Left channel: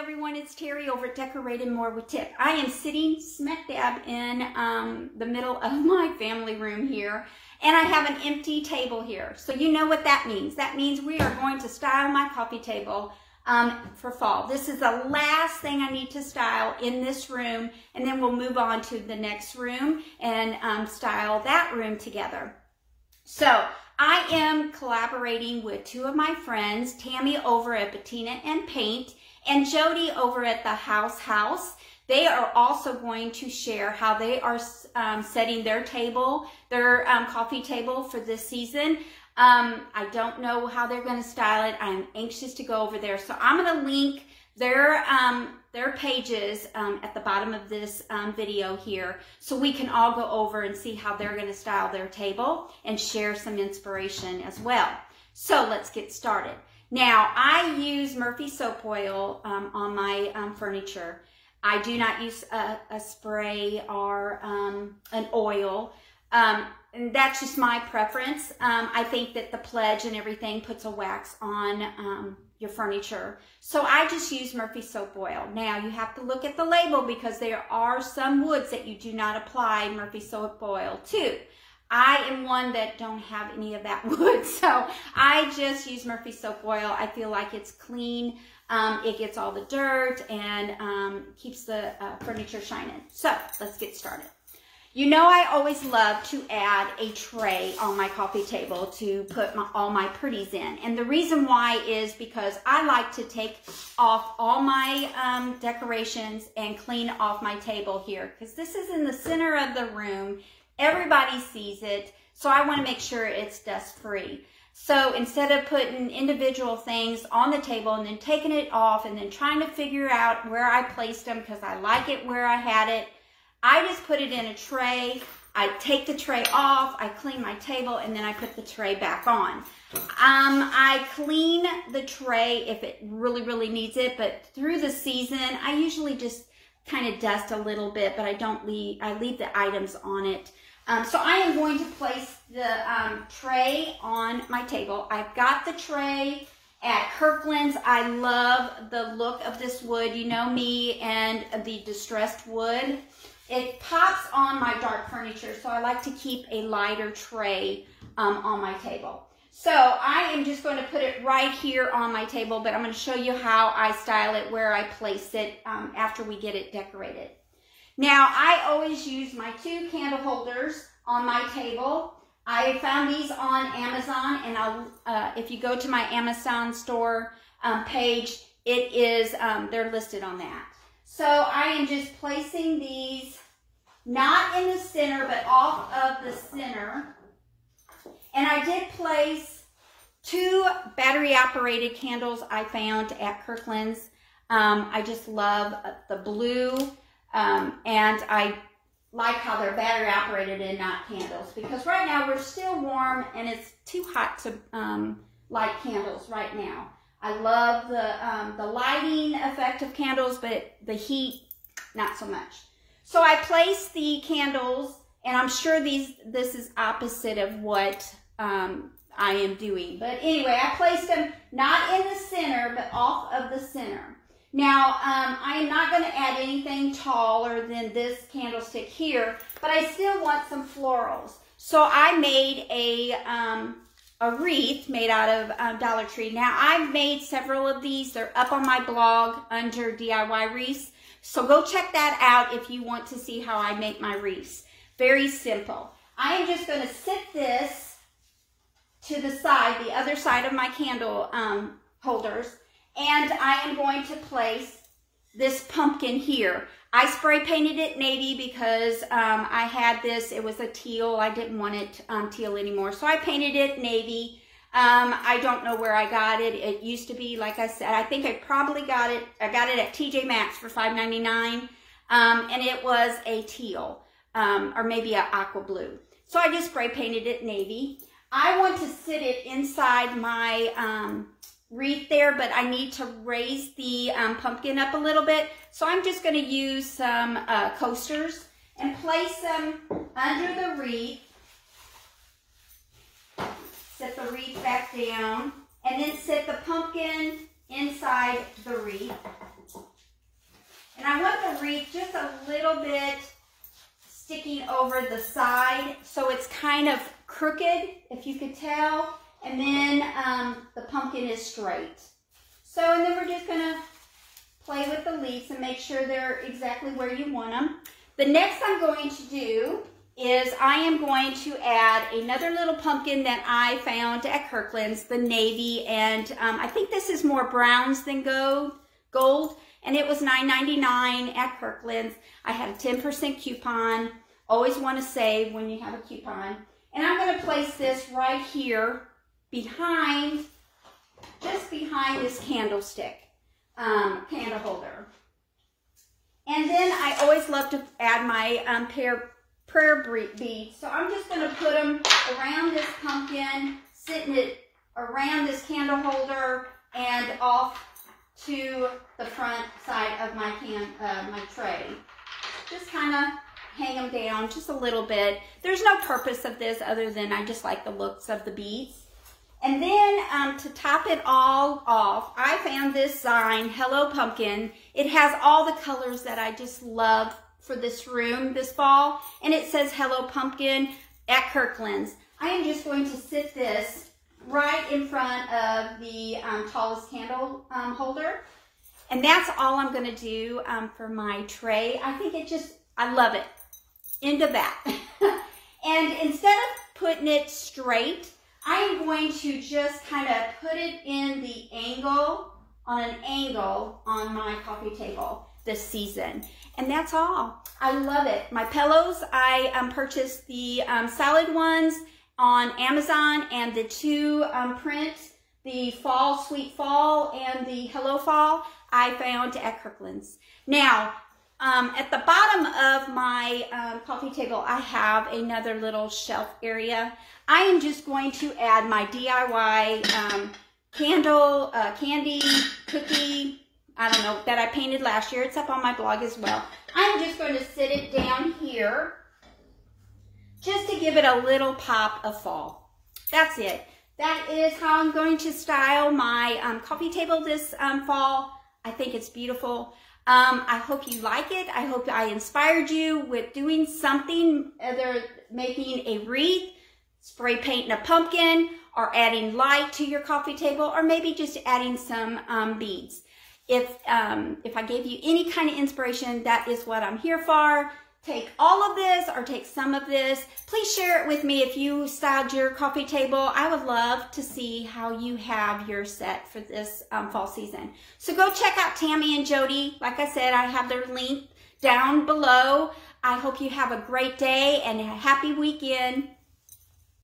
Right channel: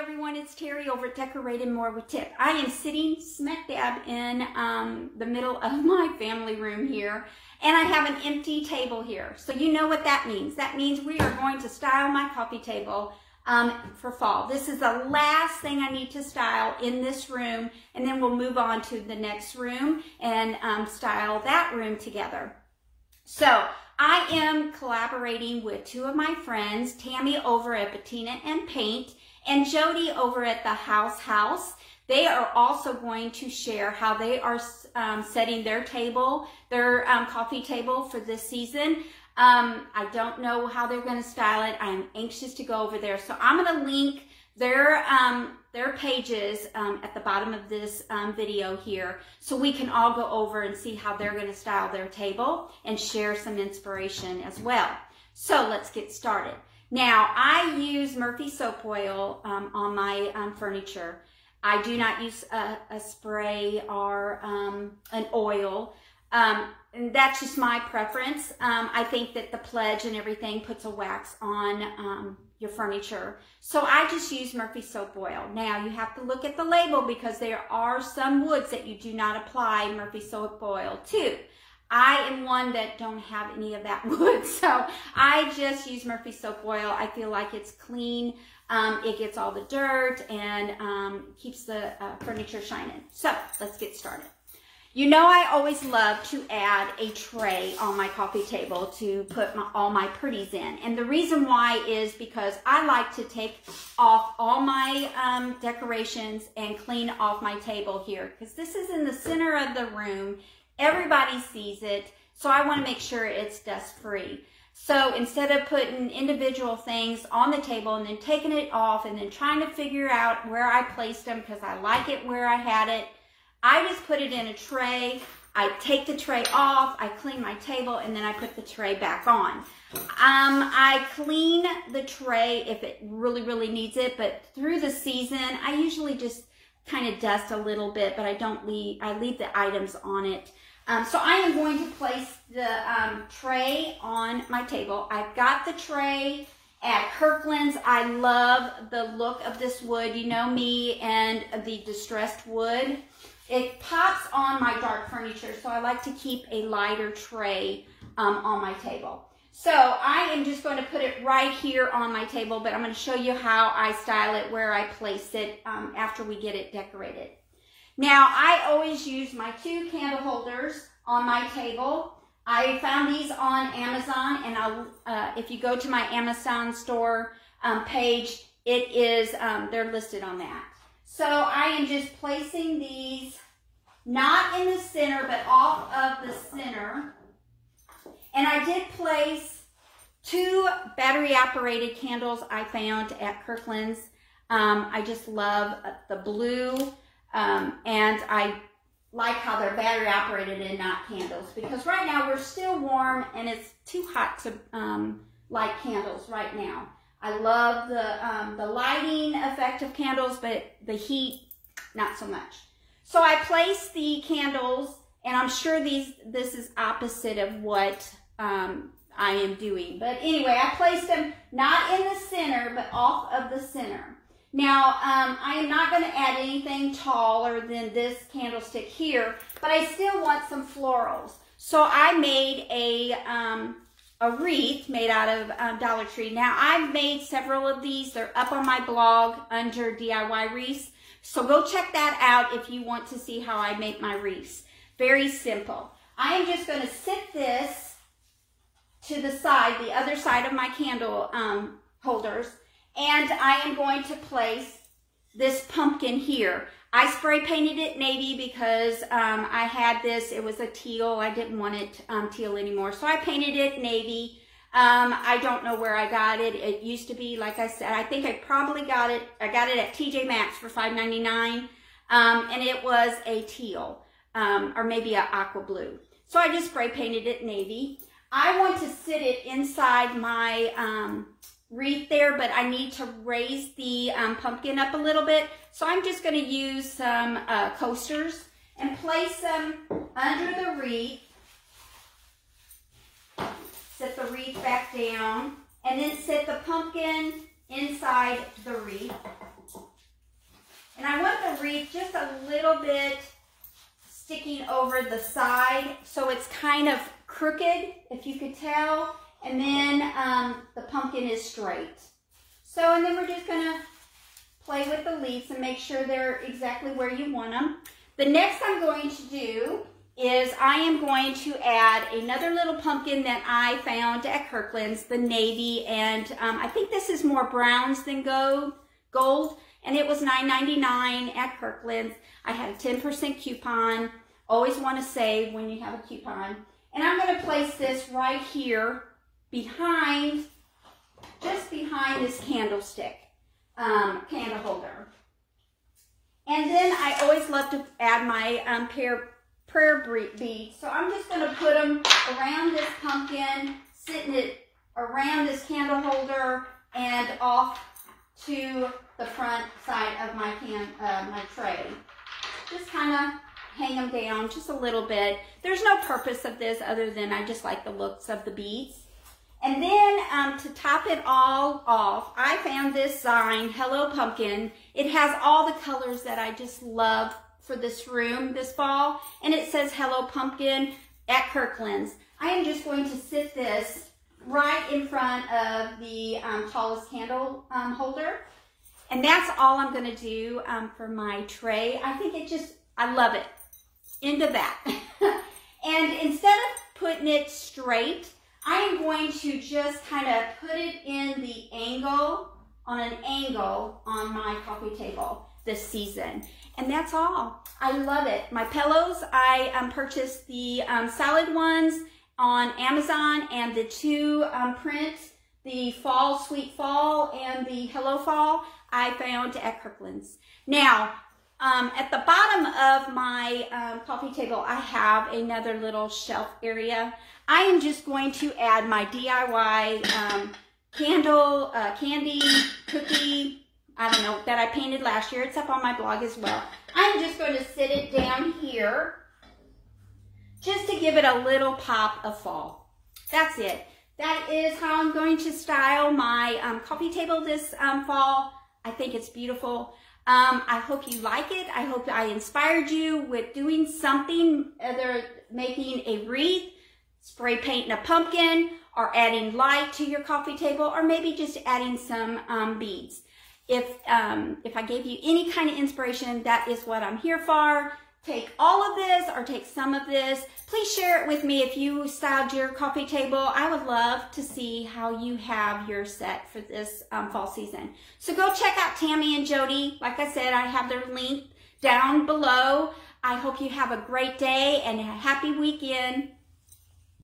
everyone, it's Terry over at Decorating More with Tip. I am sitting smack dab in the middle of my family room here, and I have an empty table here. So you know what that means. That means we are going to style my coffee table for fall. This is the last thing I need to style in this room, and then we'll move on to the next room and style that room together. So I am collaborating with two of my friends, Tammy over at Bettina and Paint and Jody over at the House. They are also going to share how they are setting their table, their coffee table for this season. I don't know how they're going to style it. I'm anxious to go over there. So I'm going to link their pages at the bottom of this video here so we can all go over and see how they're going to style their table and share some inspiration as well. So let's get started. Now, I use Murphy soap oil on my furniture. I do not use a spray or an oil. And that's just my preference. I think that the pledge and everything puts a wax on your furniture. So I just use Murphy soap oil. Now, you have to look at the label because there are some woods that you do not apply Murphy soap oil to. I am one that don't have any of that wood, so I just use Murphy soap oil. I feel like it's clean. It gets all the dirt and keeps the furniture shining. So let's get started. You know, I always love to add a tray on my coffee table to put all my pretties in. And the reason why is because I like to take off all my decorations and clean off my table here. Because this is in the center of the room. Everybody sees it. So I want to make sure it's dust free. So instead of putting individual things on the table and then taking it off and then trying to figure out where I placed them because I like it where I had it, I just put it in a tray. I take the tray off, I clean my table, and then I put the tray back on. I clean the tray if it really needs it, but through the season, I usually just kind of dust a little bit, but I leave the items on it. So I am going to place the tray on my table. I've got the tray at Kirkland's. I love the look of this wood. You know me and the distressed wood. It pops on my dark furniture, so I like to keep a lighter tray on my table. So I am just going to put it right here on my table, but I'm going to show you how I style it, where I place it after we get it decorated. Now, I always use my two candle holders on my table. I found these on Amazon, and if you go to my Amazon store page, it is they're listed on that. So I am just placing these not in the center, but off of the center. And I did place two battery-operated candles I found at Kirkland's. I just love the blue, and I like how they're battery-operated and not candles. Because right now we're still warm, and it's too hot to light candles right now. I love the lighting effect of candles, but the heat, not so much. So I placed the candles, and I'm sure this is opposite of what I am doing. But anyway, I placed them not in the center, but off of the center. Now, I am not going to add anything taller than this candlestick here, but I still want some florals. So I made a wreath made out of Dollar Tree. Now, I've made several of these. They're up on my blog under DIY wreaths. So go check that out if you want to see how I make my wreaths. Very simple. I am just going to sit this to the side, the other side of my candle holders, and I am going to place this pumpkin here. I spray painted it navy because I had this, it was a teal. I didn't want it teal anymore. So I painted it navy. I don't know where I got it. It used to be, like I said, I think I probably got it. I got it at TJ Maxx for $5.99. And it was a teal, or maybe an aqua blue. So I just spray painted it navy. I want to sit it inside my wreath there, but I need to raise the pumpkin up a little bit. So I'm just going to use some coasters and place them under the wreath. Set the wreath back down, and then set the pumpkin inside the wreath. wreath just a little bit sticking over the side, so it's kind of crooked, if you could tell. And then the pumpkin is straight. So, and then we're just gonna play with the leaves and make sure they're exactly where you want them. The next I'm going to do is I am going to add another little pumpkin that I found at Kirkland's, the navy, and I think this is more browns than gold, and it was $9.99 at Kirkland's. I had a 10% coupon. Always want to save when you have a coupon. And I'm going to place this right here behind, just behind this candlestick, candle holder. And then I always love to add my prayer beads. So I'm just going to put them around this pumpkin, sitting it around this candle holder, and off to the front side of my tray. Just kind of hang them down just a little bit. There's no purpose of this other than I just like the looks of the beads. And then to top it all off, I found this sign, Hello Pumpkin. It has all the colors that I just love for this room this fall. And it says Hello Pumpkin at Kirkland's. I am just going to sit this right in front of the tallest candle holder. And that's all I'm going to do for my tray. I think it just, I love it. Into that. And instead of putting it straight, I am going to just kind of put it in the angle, on an angle on my coffee table this season. And that's all. I love it. My pillows, I purchased the salad ones on Amazon, and the two prints, the Fall, Sweet Fall, and the Hello Fall, I found at Kirkland's. Now, at the bottom of my coffee table, I have another little shelf area. I am just going to add my DIY candy, cookie, I don't know, that I painted last year. It's up on my blog as well. I'm just going to sit it down here just to give it a little pop of fall. That's it. That is how I'm going to style my coffee table this fall. I think it's beautiful. I hope you like it. I hope I inspired you with doing something, either making a wreath, spray painting a pumpkin, or adding light to your coffee table, or maybe just adding some beads. If I gave you any kind of inspiration, that is what I'm here for. Take all of this or take some of this. Please share it with me if you styled your coffee table. I would love to see how you have your set for this fall season. So go check out Tammy and Jody. Like I said, I have their link down below. I hope you have a great day and a happy weekend.